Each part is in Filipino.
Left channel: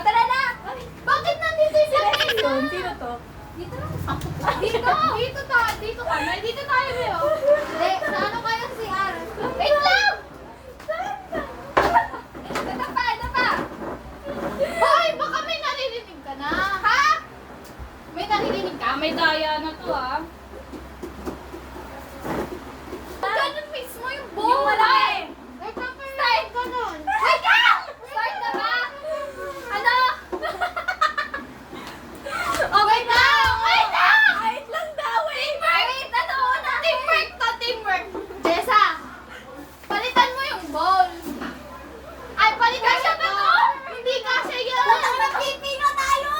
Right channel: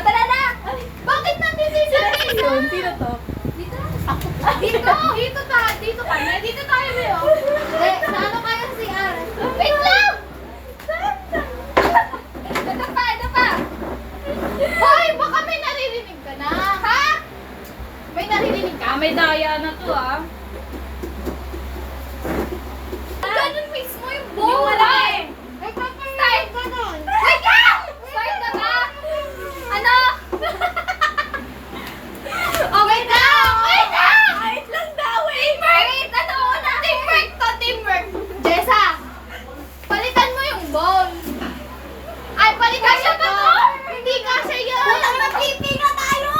Tara na! Bakit nandito yung Sino? Sino to? Dito? Ako. Dito! Dito kami. Dito tayo ngayon. Hindi, sa ano kayo si Ara? Wait lang! Ito pa! Hoy, baka may naririnig ka na. Ha? May naririnig ka? May daya na to Ganun mismo yung bowl. Yung malaki. Wait lang, start ka nun. Wait lang! Start na ba? Ano? Okay na! Wait lang! Wait lang daw eh. Wait! Ano na? Teamwork to, teamwork. Jessa, palitan mo yung bowl. Ay, palitan siya ba to? Hindi kasha yun. Nag-flipping na tayo.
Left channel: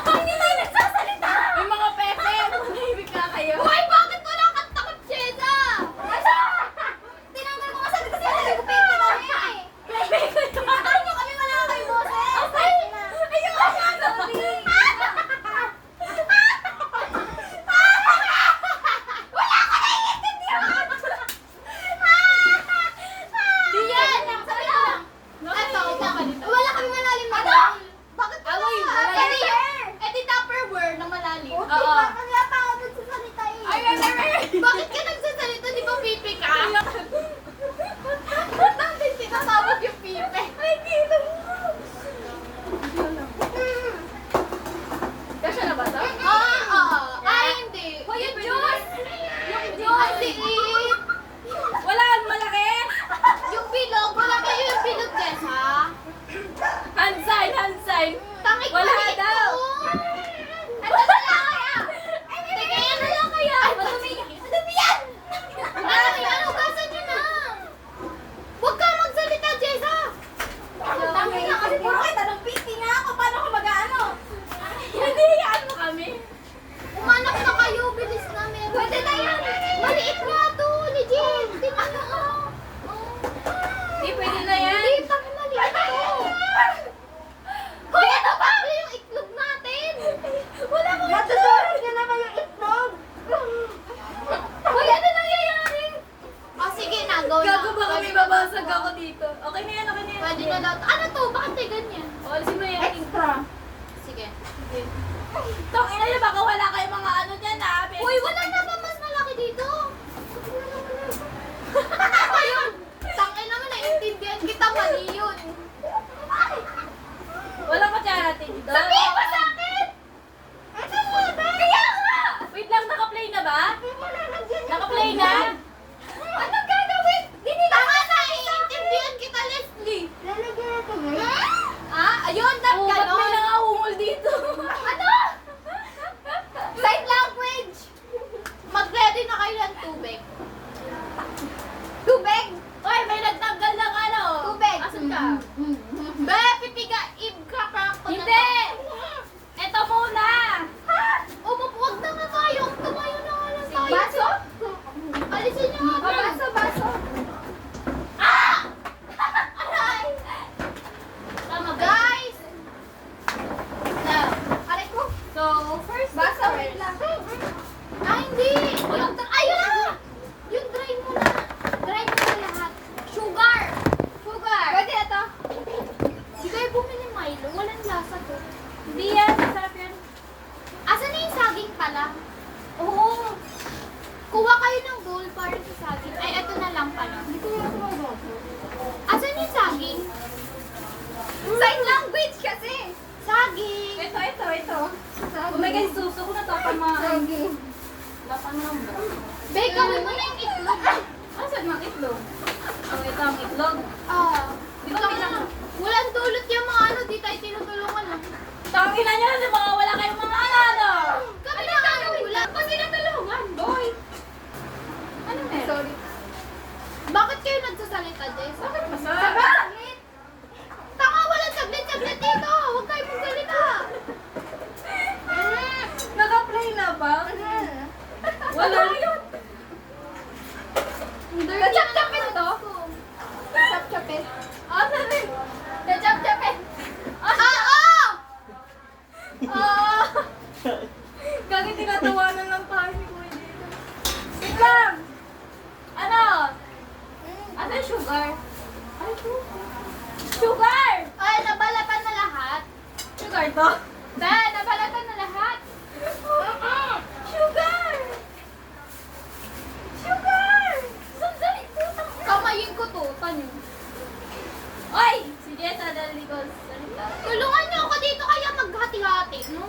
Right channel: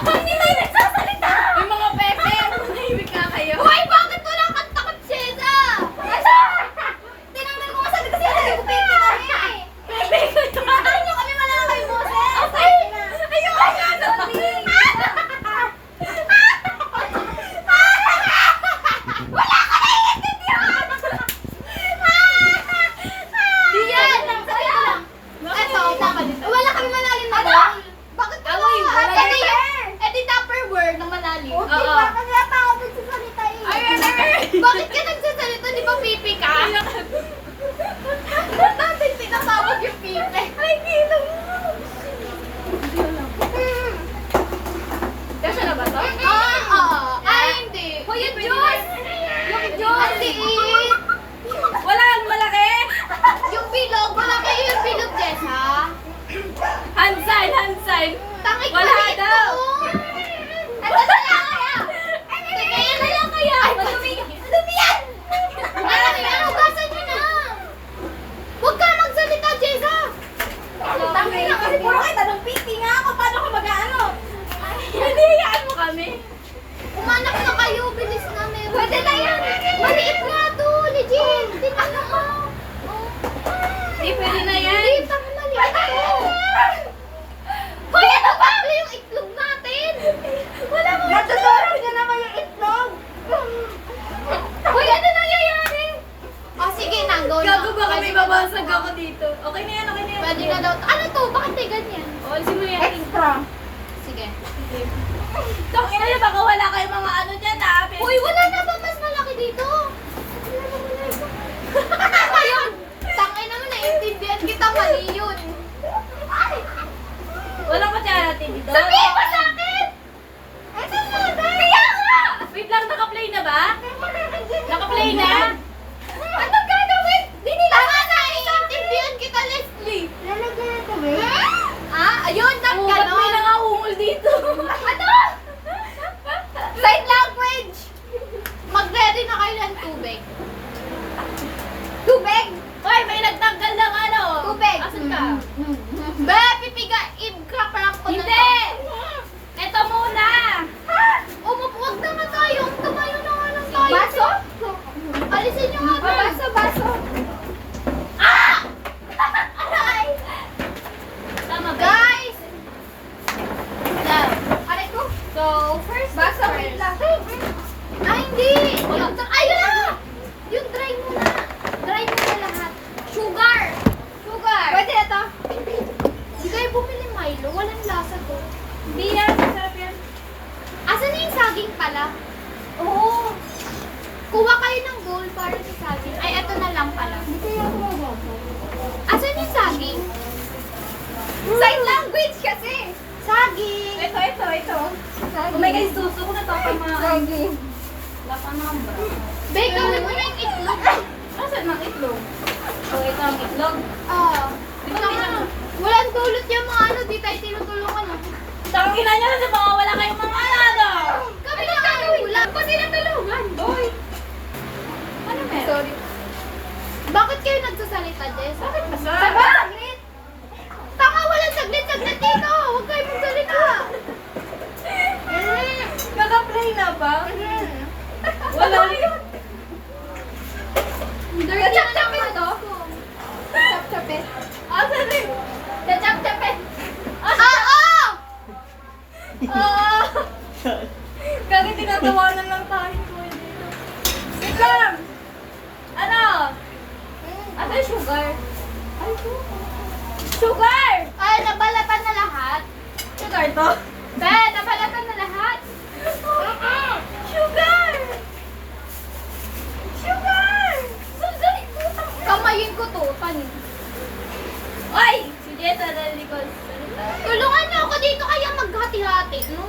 Hindi na nagsasalita. May mga pepe. Manahimik ka kayo. Hoy, bakit wala kang takot, Jessa? Ano? Tinanggal ko kasi kasi nag-flipping kami. Bakit nyo kami malaki yung boses? Ay! Ayun! Wala ka naiintindihan! Di yan! Sabi ko lang. Eto, wala kami malalim na bowl. Bakit ka ba? Edi Tupperware na malalim. Oo. Kasi ata ako nagsasalita eh. Bakit ka nagsasalita? Di ba pipi ka? Ba't natin tinatawag yung pipi? Ay, dito mo. Kasya na ba to? Ay, hindi. Hoy, yung Diyos! Yung Diyos! Ang liit! Wala kang malaki. Yung bilog, wala kayo yung bilog, Jessa. Hand sign. Tangik Wala maliit daw. to. Ano na lang kaya? Teka, yan na lang kaya. Madumi yan! Ano, hugasan nyo na. Huwag ka magsalita, Jessa. Tangin na kasi puro kayo tanong piti nga ako. Paano ko mag-ano? Hindi, hiyaan mo kami. Umanak na kayo, bilis na meron. Pwede na yan. Maliit nga to, legit. Hindi na lang. Hindi, pwede na yan. Hindi, pang maliit to. Hoy, ano ba? Yung itlog natin. Wala mo. Natutunan niya naman yung itlog. Hoy, ano nangyayari? Sige na, go na. Gago ba kami babasag ako dito? Okay na yan. Pwede na daw. Ano to? Bakit may ganyan? O, alisin mo yan. Sige. Tangina niya, baka wala kayong mga ano dyan Uy, wala na ba mas malaki dito? Ayun! Tangay naman, naiintindihan kita, mali yun. Walang kutsara dito. Sabihin mo sa akin! Ano mo na? Kaya nga! Wait lang, naka-play na ba? Naka-play na? Anong gagawin? Di nila naiintindihan kita, Leslie. Lalagyan na ito, babe. Ayun, Oo, ba't may ganon. nangahungol dito? Ano? Sign language! Mag-ready na kayo ng tubig. Tubig? Hoy, may nagtanggal ng ano. Tubig. Asan ka? Be, pipiga, ibka-prank ko na Hindi! to. Eto muna! Ha? Umupuwag na nga tayo. Tumayo na nga lang tayo. Baso? Alisin nyo nga. Baso. Ah! Aray! Tama ba? Guys! Aray ko. So, first Baso, first. wait lang. Hindi! Ayun na! Yung dry muna. Dry muna lahat. Sugar! Pwede na to. Di kayo bumili Milo. Walang lasa to. Hindi yan, masarap yan. Asan na yung saging pala? Oo. Kuha kayo ng bowl para sa saging. Ay, eto na lang pala. Hindi kaya ako magbaso. Asan yung saging? Sign language kasi. Saging! Ito. Oh my God, suso ko na to pag mga... Sige. Lapan ng bra. Be, gawin mo na yung itlog. Asan ang itlog? So, ito ang itlog. Di ba walang dulot yung mga ano, di tayo tinutulungan. Tangina niyo kasi baka wala kayong mga ano. Kami na kanulang. Pati natulungan. Boy! Ano meron? Sorry. Bakit kayo nagsasalita, Jess? Bakit ba? Saglit! Tanga, walang saglit-saglit dito! Huwag kayo magsalita! Naka-play na ba? Wala. Chap-chapin to? Chap-chapin. Asan rin? Chap-chapin! Oo! Gagi tinatawanan lang tayo ni Kuya dito. Wait lang! Ano? yung sugar? Ay, sugar! Ay, nabalatan na lahat. Sugar to? Be, nabalatan na lahat. Sugar! Sugar! Sandali, kamayin ko to, tanin. Oy! Si Jessa, dali ko. Tulungan niyo ako dito kaya maghati-hati, no?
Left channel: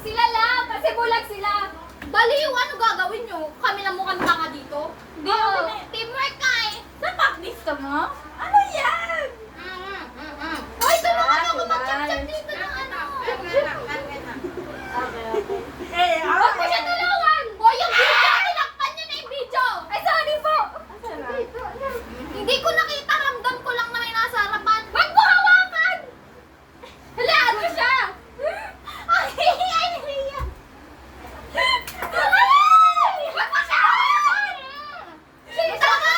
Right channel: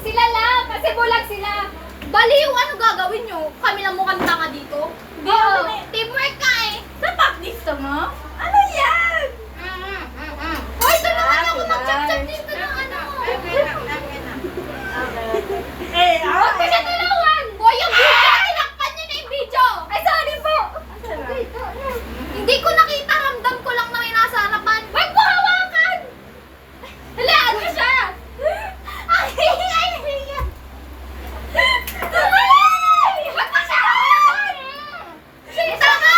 Sila lang, kasi bulag sila. Baliw, ano gagawin niyo? Kami lang mukhang tanga dito. Hindi, Oo, kami. teamwork ka eh. Napakdista mo? Ano yan? Hoy, tulungan niyo ako Sila. mag-chat-chat dito ng ano. Eh, Huwag mo siya tulungan! Boy, yung video! Tinakpan niyo na yung video! Ay, sorry po. Hindi ko nakita, ramdam ko lang na may nasa harapan. Huwag mo hawakan! Halaan mo siya! Ay, ay, ay! Huwag mo siya hawakan! Sinta ka!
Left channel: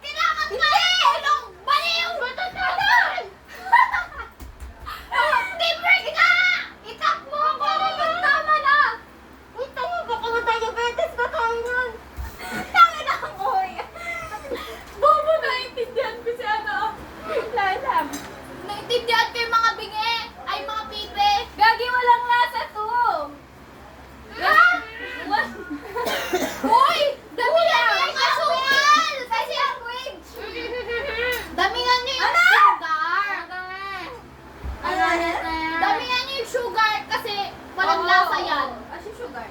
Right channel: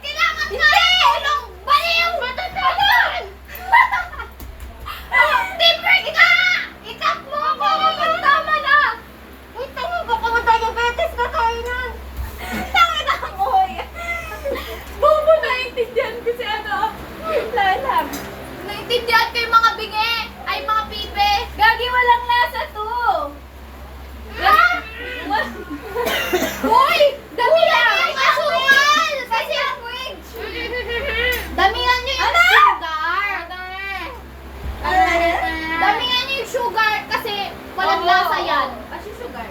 Kailangan ka tulong! Baliw! Matatalan! Teamwork ka! Itap mo ako! Tama na! Uy, tama ba ka diabetes ka kainan? Tangin na ang oy. Bobo, naiintindihan ko si ano. Lalag. Naintindihan ko yung mga bingi! Ay, mga pipe! Gagi, walang lasa to. Ha? What? Hoy! Damihan niyo yung asukal! Kasi damihan niyo yung sugar! Damihan niyo yung sugar kasi walang Oo. lasa yan. Kasi sugar.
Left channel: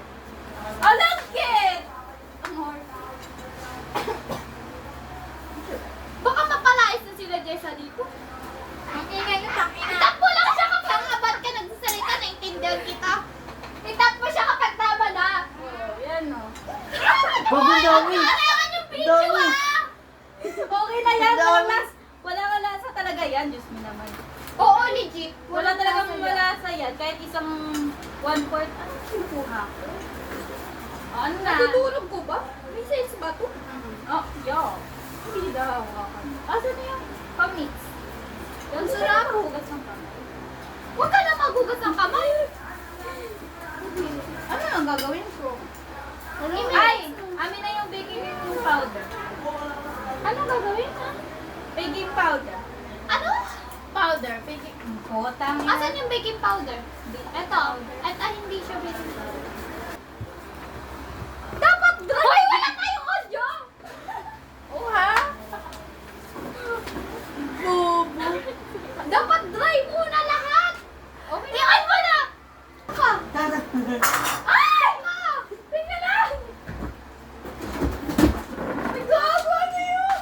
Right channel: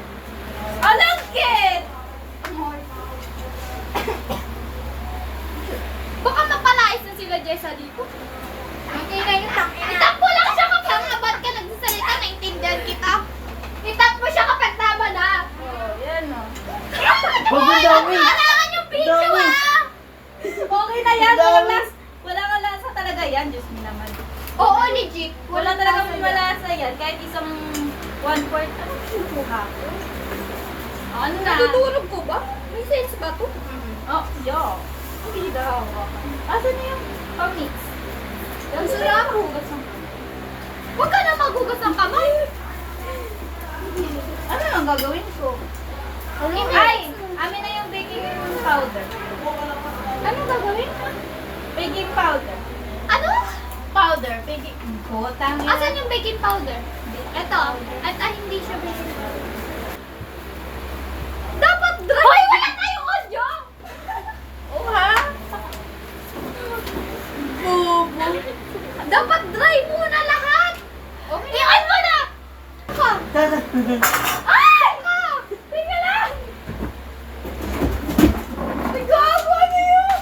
Alam, kid. Baka mapalais na sila Jessa dito. Ang ingay yung tangina. Itap mo lang siya kapag ba't ka nagsasalita, naintindihan kita. Itap mo siya kapag tama na. Oh, yan o. Hoy, ang kailangan yung video ah! Okay na yan. Walang lasa. Walang lasa talaga yan. Diyos mo naman. Oo, legit. Wala talaga malasa yan. Kahit isang 1/4. Ano kinukuha ko? Oh, ano na? Natutulog ko ba? May sense ba to? Oh, yo. Hindi na hawakan. Asan na yung pamix? Ang sarap. Hugas ng kamay. Huwag ka na maghugas ng kamay. Ano ang gagawin ko? Ay! Amin na yung baking powder. Anong gagawin ha? Baking powder. Ano? Powder. Baking... Botang yan. Asan yung baking powder? Ito. At hindi siya baking powder. Dapat dry! Hoy, wala tayong audio! Oh, ha? Bobo. Dapat dry muna lahat! Okay. Iyan mo na! Ka! Ay! Ka! Tingnan lang! Gago, ano yun?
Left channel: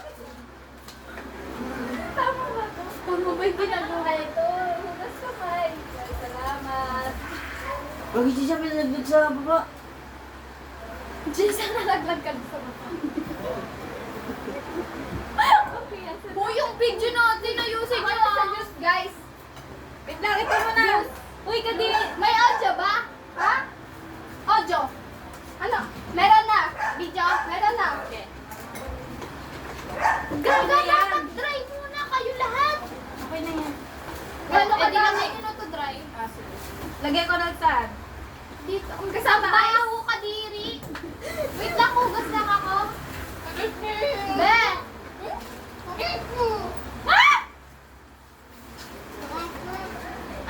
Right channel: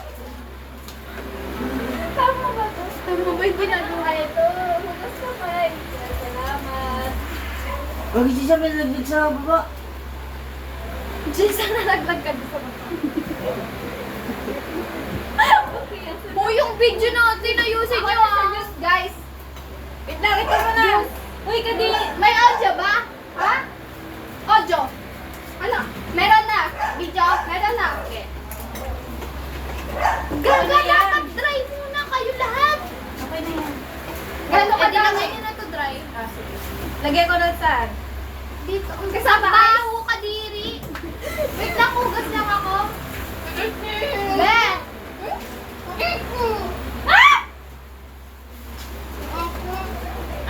Tama ba to? Tama ba yung ginagawa ito? Hugas kamay. Salamat. Huwag siya may nagdag sa baba. Jessa, nalaglag ka sa baba. Mo yung video natin, ayusin nyo ah. Guys, Wait lang, ito mo na. Uy, kadi. May audio ba? Ha? Audio. ano? Meron na. Video, meron na. Okay. Ano Gaga, yan? dapat dry muna kayo lahat. Okay na yan. Gano'n Eh, kadami? dilagay nyo na to dry. Ah, sige. Lagyan ko na saan? Dito. Ang Kasama kasama. Baho ka diri. Wait lang, hugas lang ako. Be!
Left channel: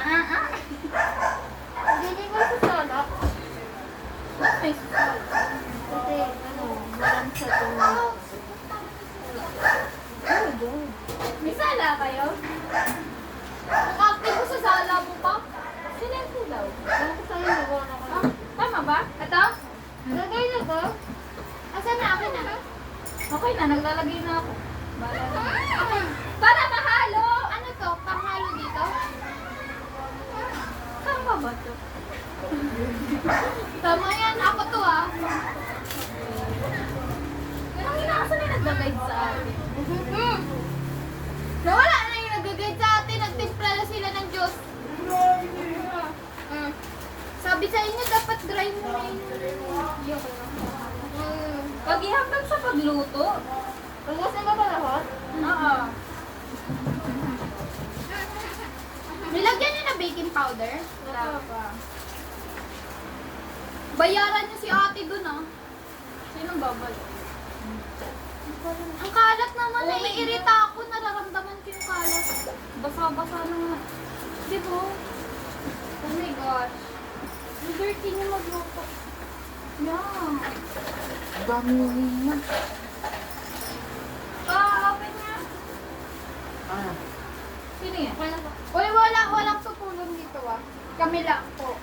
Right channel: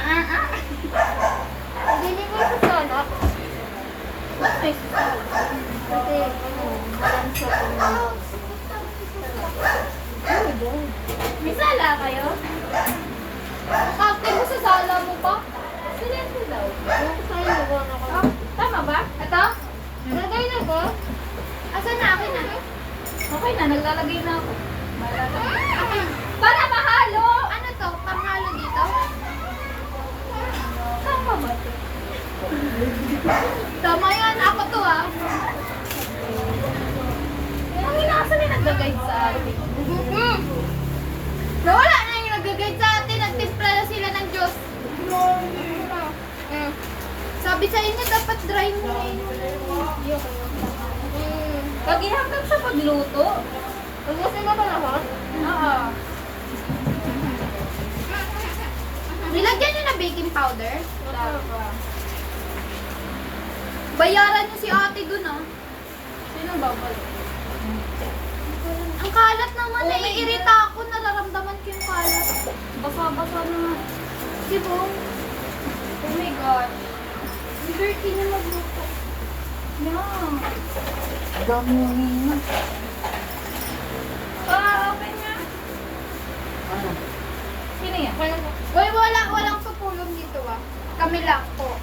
Ah! Galing ko sa salak. Ba't may sasal? Kasi, walang sa tulong. May sala kayo? Nakakti mo sa sala mo pa? Silento daw. Ano ko sa'yo, nagawa na ko. Tama ba? Ito? Nagay na ko? Asan na? Akin na. Okay na, naglalagay na ako. Bala na. Para mahalo! Ano to? Panghalo dito? Tama ba ito? Tama yan. Ako to ah. Ang inaasan na nag-guide sa atin. Nawala na yung nag-guide sa atin. Nagtimpla na sila ng Diyos. Sabi sa inyo, dapat dry mo na yun. Pag ihanggang sa pagluto. Tagusin mo ba lahat? Oo. Nilagyan nyo na baking powder. Tama. Bayaran nyo si ate dun ah. Sinong babalik? Ang kalat naman, naiirita ako. Nararamdaman ko yung kalat. Basa-basa na nga. Di ba? Oh my gosh. Ang dirty niya magluto. Yeah. Ang dami yung hingin. Open nga. Ano? Sino yan? Uy, walang tutulong dito ah. Kami lang po.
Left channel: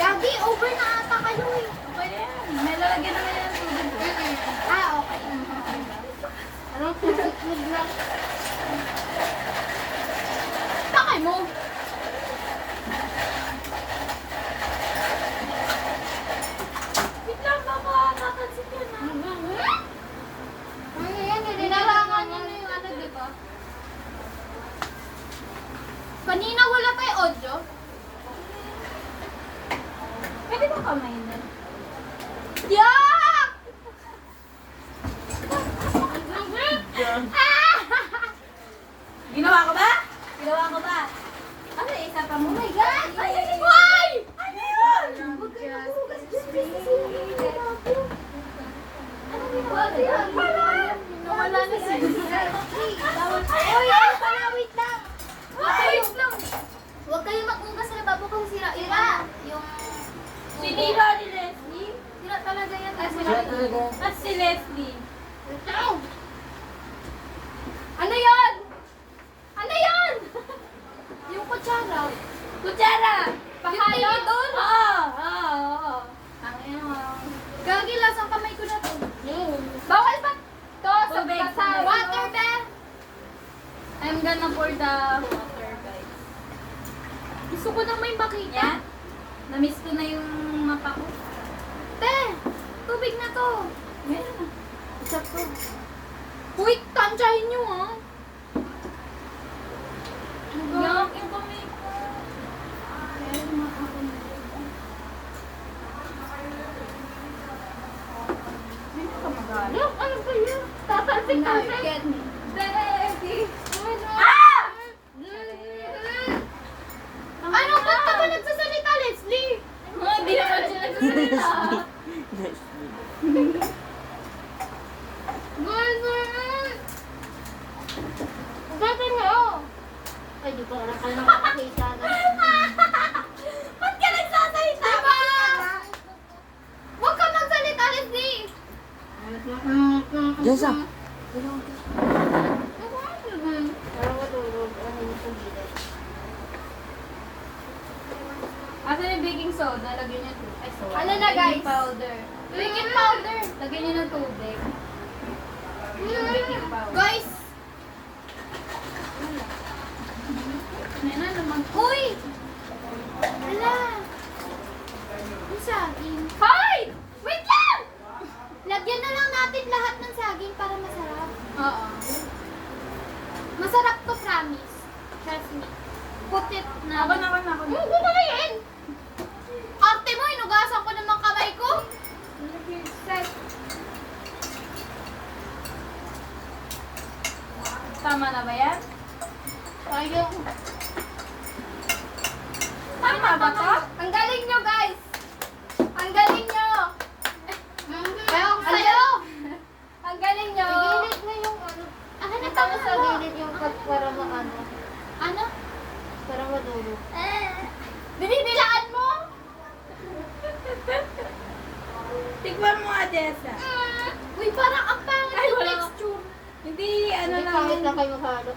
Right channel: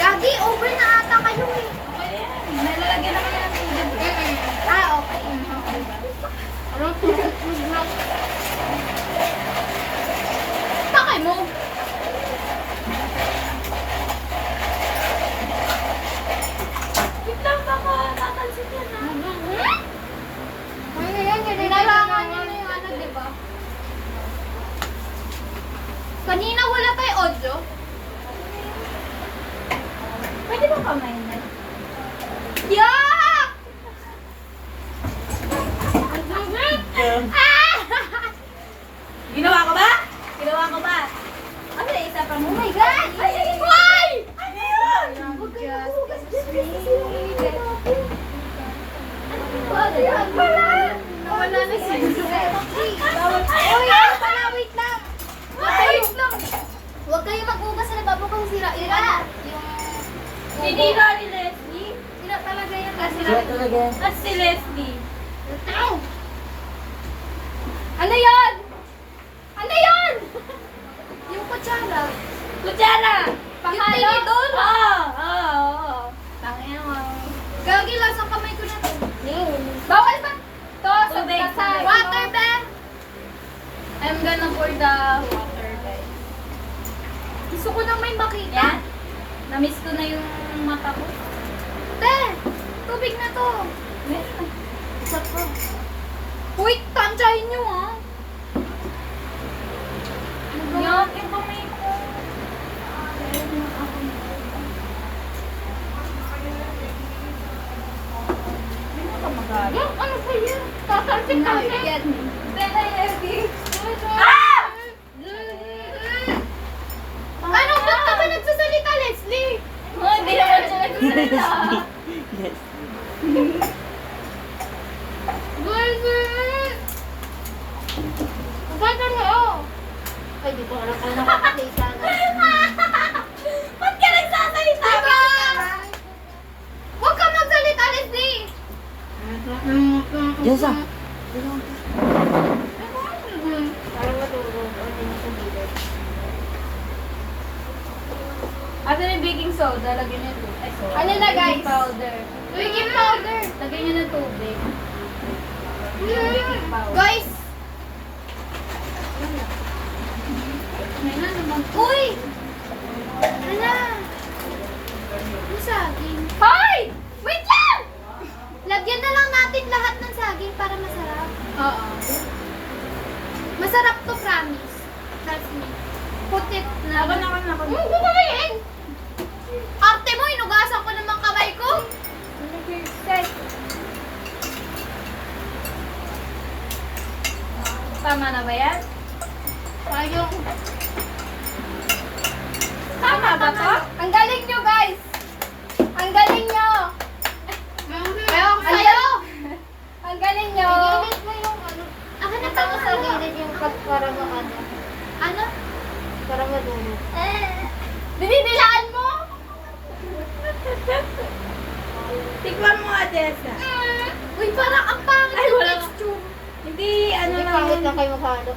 Gagi, over na ata kayo eh. Okay yan. May lalagyan naman yan ng tubig. Ah, okay. Anong tubig na? Takay mo. Wait lang, baka tatalsik yan ha. Ay, yan, kailangan niya na yung ano, di ba? Kanina wala pa yung audio. Pwede ba kamay na? Yak! Ginawa ko ba? Ginawa ko ba? Ano na isa pa mo? Oh my God! Why? Ano yun? Huwag kayo maghugas dyan kasi sinunod natin. Ano yan pala? Nawala na si Uy, ano pala? Wait lang. Wait lang. Huwag kayo maghugas sa lababo kasi sira-ira. Yung... Sinira ni Leslie? Sira talaga yan. Sila talaga yan. At si Leslie. Ano yan? Ano yan? Yung kutsara. Kutsara! Yung tinidor? Oo. Tangina mo. Gagi, lasang kamay ko na to. Bawal ba? To, sa Tubig, sa tubig. water ba? I'm gonna pour the water, guys. Gusto ko nang may makita. Yan. Namiss ko na yung mata ko. Te, tubig na to. Meron na. Isa pa. Uy, tansyahin nyo ah. Yan, yung kamay ko. Meron na ako. Meron ka magalit? Yung ano ba yun? Tatalsik-talsik. Get me. Ah! Ano ba ka ba nagsasalita, Leslie? Oh, hindi naman siya nagsasalita. Yes. Gagawin mo yun. Ay, di ko alam kung nakakakita na. Ba't ka nagsasalita? Diba? Huwag ka magsalita, Leslie. Jessa. Parang matulog. Ano yung sa gilid? Asan yung baking soda? Lagyan niyo tubig. Ay, soda. Ano na, guys? Baking powder. Baking powder. Lagyan niyo ng tubig. Yung baking powder. Guys! Ano na naman? Uy! Hala! Yung saging. Hoy! Wait lang! Lagyan na lang natin lahat ng saging para masarap. Oo. Masarap to, promise. Trust me. Put it na. Ako na. Huwag ko kamayin! Arte mo, inugasan ko naman kamay ko. Tama na ba yan? Sayang. Tama ba to? Ang galing nyo, guys! Ang galing nyo! Ewan ko sa'yo! Ang galing nyo! Gilid mo yung ano. Hanap mo sa gilid yung para ano. Ano? Para madulog. Binibilaan mo? Tikman mo nga, Jessa. Uy, parang ang pangit Ay, yung wala. texture. Hindi, ano May lang. pangit lang kayo maghalo.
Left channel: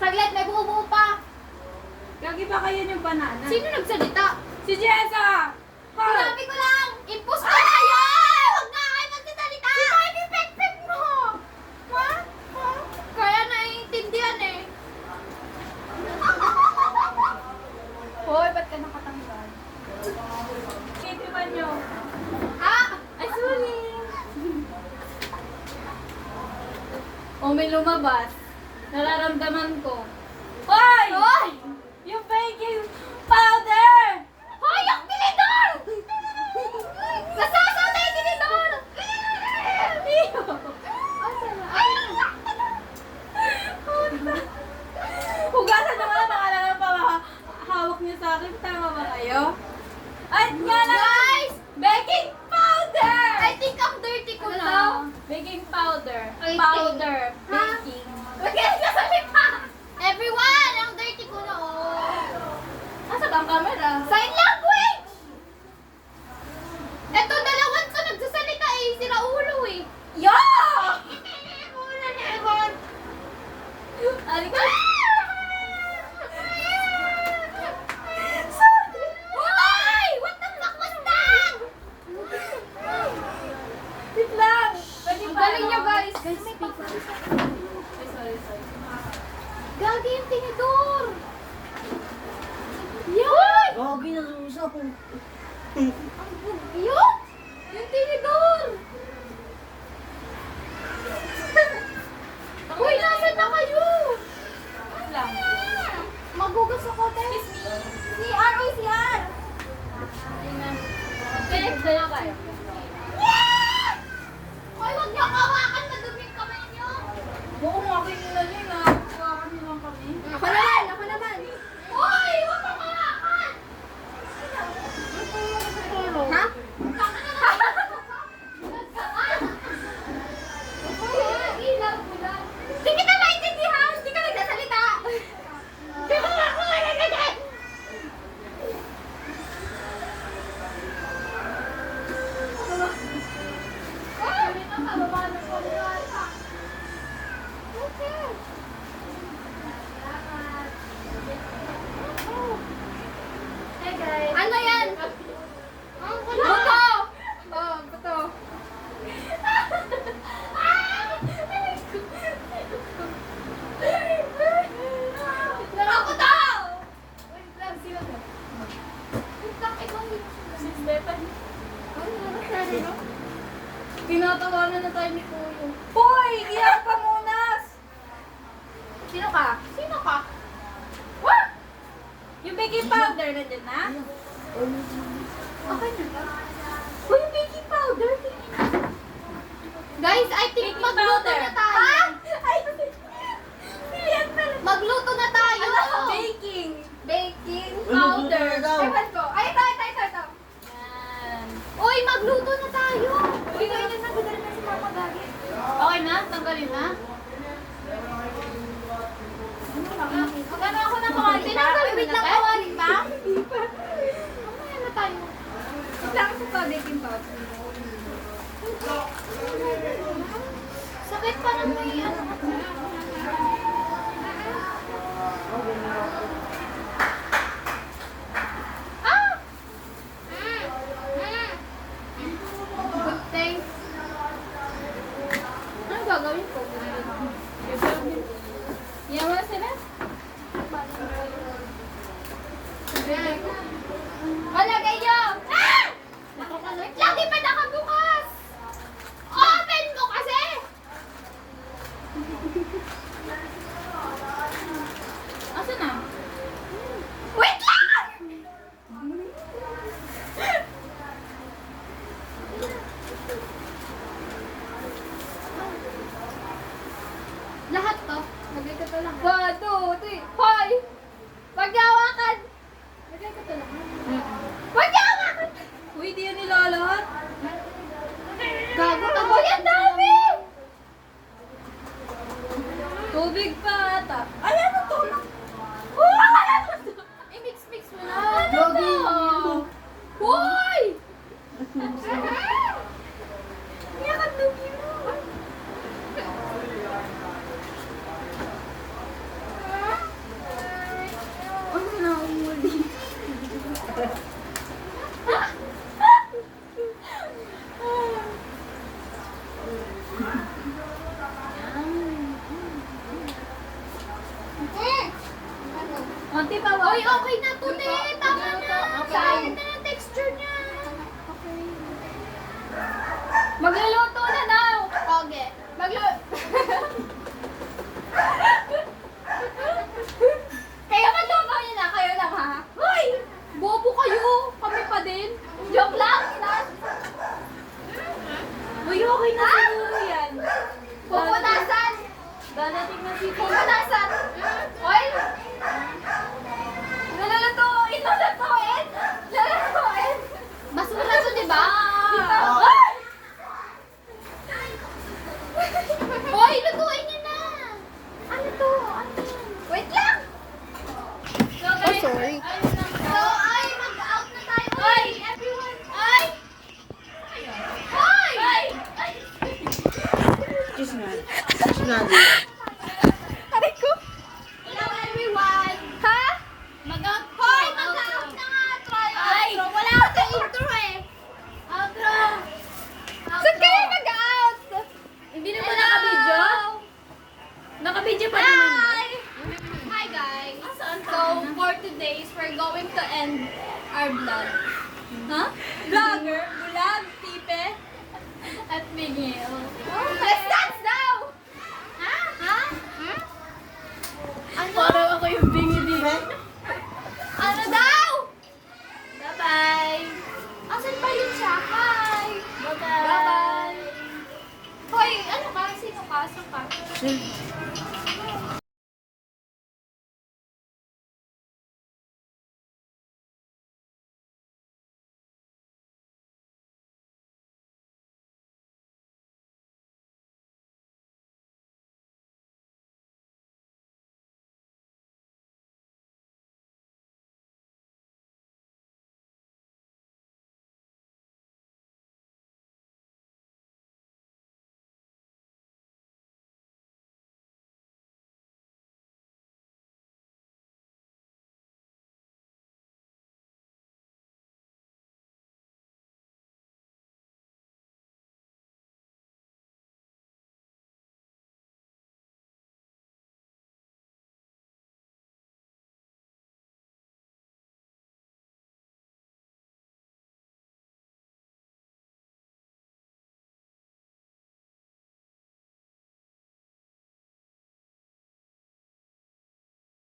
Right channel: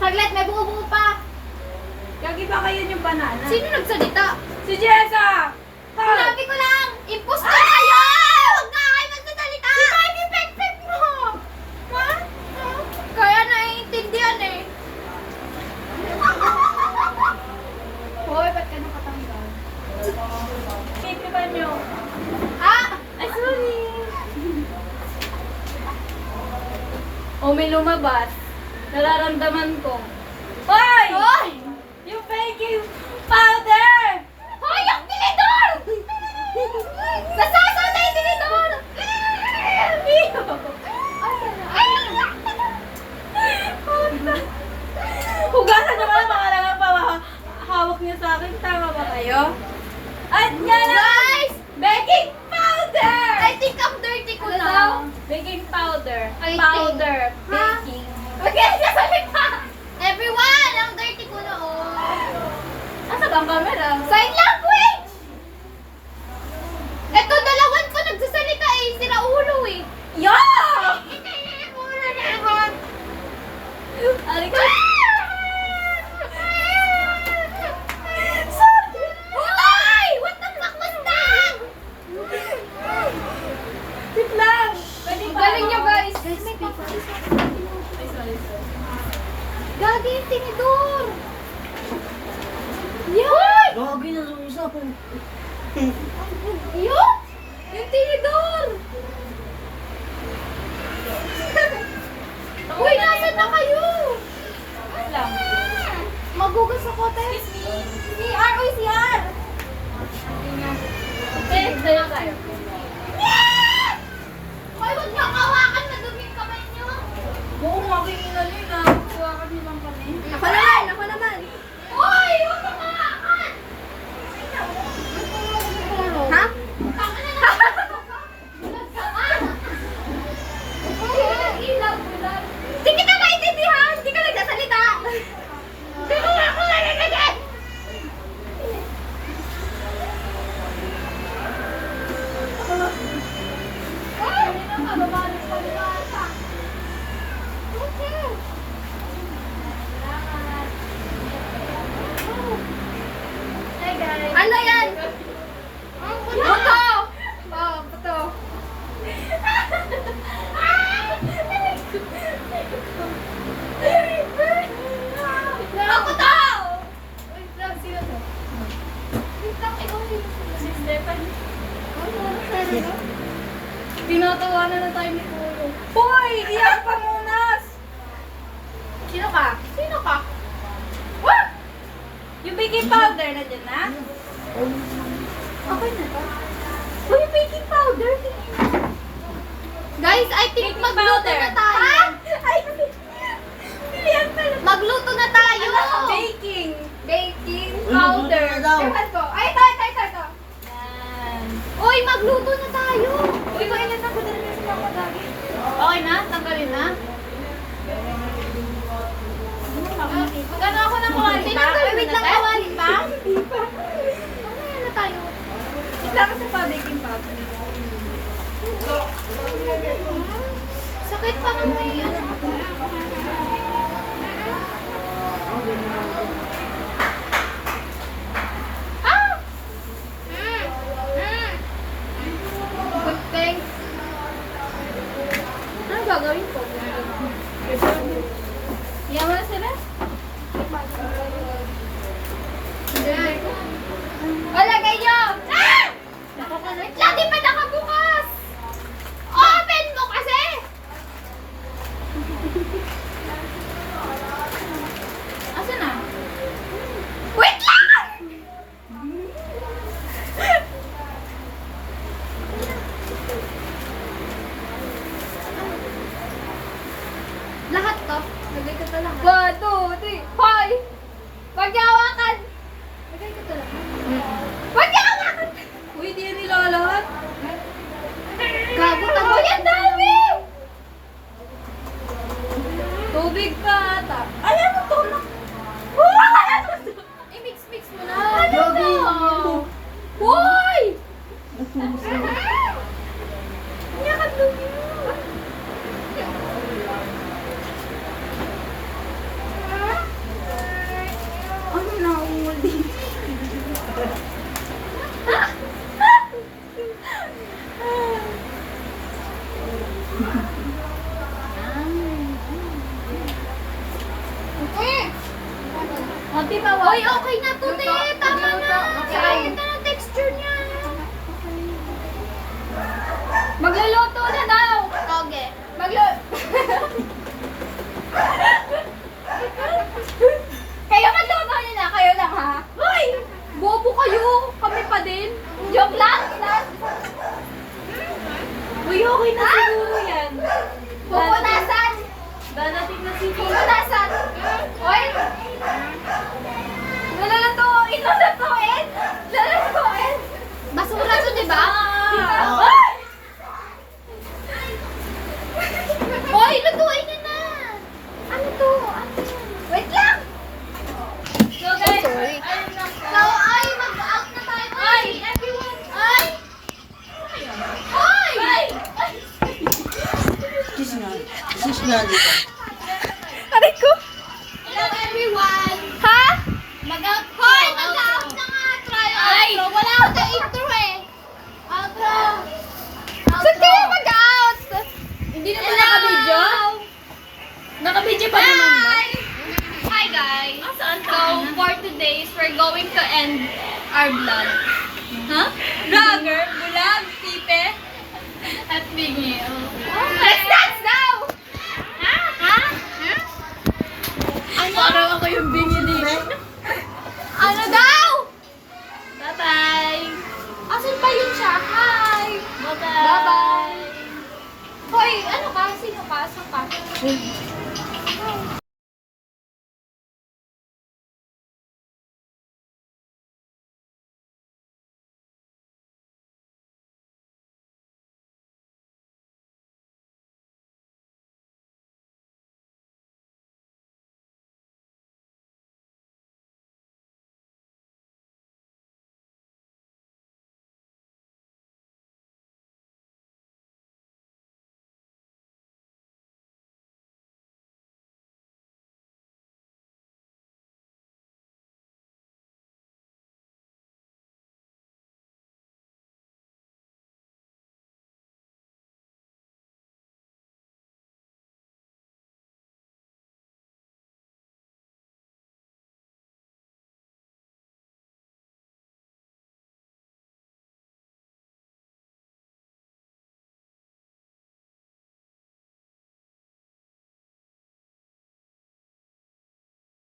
Saglit, may buo-buo pa. Lagi ba kayo yung banana? Sino nagsalita? Si Jessa! Hoy! Sinabi ko lang, impostor kayo! Huwag na kayo magsasalita! Si Tiny Pek-Pek mo! Ha? Kaya naiintindihan eh. Hoy, ba't ka nakatanggal? Titipan nyo. Ah! Ay, sorry. O, may lumabas. Nararamdaman ko. Hoy! Hoy! Yung baking powder! Hoy! Yung tinidor! Nasasama yung tinidor! Hugasan nyo pala baka lang hawak niyo sa akin. Tama ba kayo? At yan ang Guys! baking powder! I think ako Gagi yung tinidor! Yan! Grabe na yung isa po. Yun! Yung tinidor! Uy, nasan na kayo? Magugas ako, te. CR! Uy, CR! Tayo tayo. Yes! Hoy, huwag niyo kawakan na dumi yung kamay niyo. Oo, makinginan nyo na. Kuha niyo lang kami. Ako naman! Ako naman! Hoy, huwag kang kawakan! Ha? Tama na lang. Bulag ka ba? Ilaw, bulag. Hindi kita maintindihan! Hindi ka nagsasalita! Di ko nga ako nalagagad! Ano yan? Buto! Oh, buto. Ako to! Wait lang, sino to? Wait lang, ikaw yun. Si Stephanie. Tinatawanan na tayo ni Kuya. Hoy! Iyak pa munas! Sino ka? Sino ka? What? Yung baking powder nandiyan na? Okay na to. Hoy, yung baking powder! Guys, I think Baking magluto powder. na tayo. Ay! Yan pala. Magluto na tayo. Baking. Baking Uy, powder. magluto na daw. Ewan ko. Ay, ito. Yan. Uy, magluto na tayo. Uy, ko ilan na ko dali na si Mama Dagi. Okay na? Tanggalin na? Magano ako ng kawali? Tinanggalin Wait na lang, tayo? kawali pa? Hindi pa. Mamaya na tayo. Wala ka sa baking powder. Sakit pa ng may ano. Ah! Good thing. Anong gagawin ko? Iyan mo na sila? O, lagay nyo! Ah! Wait lang, di pa nakabukas! Open mo kasi! Asa na? Wait lang! Lahat to? Lagay ko to lang. 1, 2, 3. Hoy! Wag niya hawakan! Lagay ko to lang. Wag niya hawakan! Uy, di yan nilalahat. Gago, Uy, tago ang dami! Tubig pa ata. Ay, ano to? Uy! I-mix-mix mo na. Grabe. Hoy! Niya ka dumi. Ano na umuli? Ate, Uy, okay na to, te. Tama na. Sayang na ng texture niya. Magluluto na daw! Okay. Kayo magluto niyo na, kayo lang ha? Uy! Bobo kayo. Kami pa din. Joke lang! Uy, okay na siguro yan. Pupunasan! Dadating na si Tito. Pupunasan! Hoy! Lulutuin! Lulutuin! Lulutuin! Basura to, di ba? Hoy! Hoy, lutuin niyo na. Ano to? Ano? Wait lang! So, guys, so, ay, mag-out na tayo. Ay, everyone. Ay! Ay! Ay! Kiss nga. Kiss nga dito. Aray ko! Hello, everyone. Ha? Mag-out. Hoy, mag-out na nga. Try outro. Wala ako sa intro eh. Outro. Saan kayo mag-out? Hindi na ba naka-video? Naka-video pa naman ba? Hi! Hi, At bingi. Let's dance daw! Ha? Ha? Parang ako yung bingi dito. Ano daw? Bye-bye. Asan ba yun siya? Hi! Bye-bye. Bye-bye! Hoy, ano ka? Sino ka? Saan ka?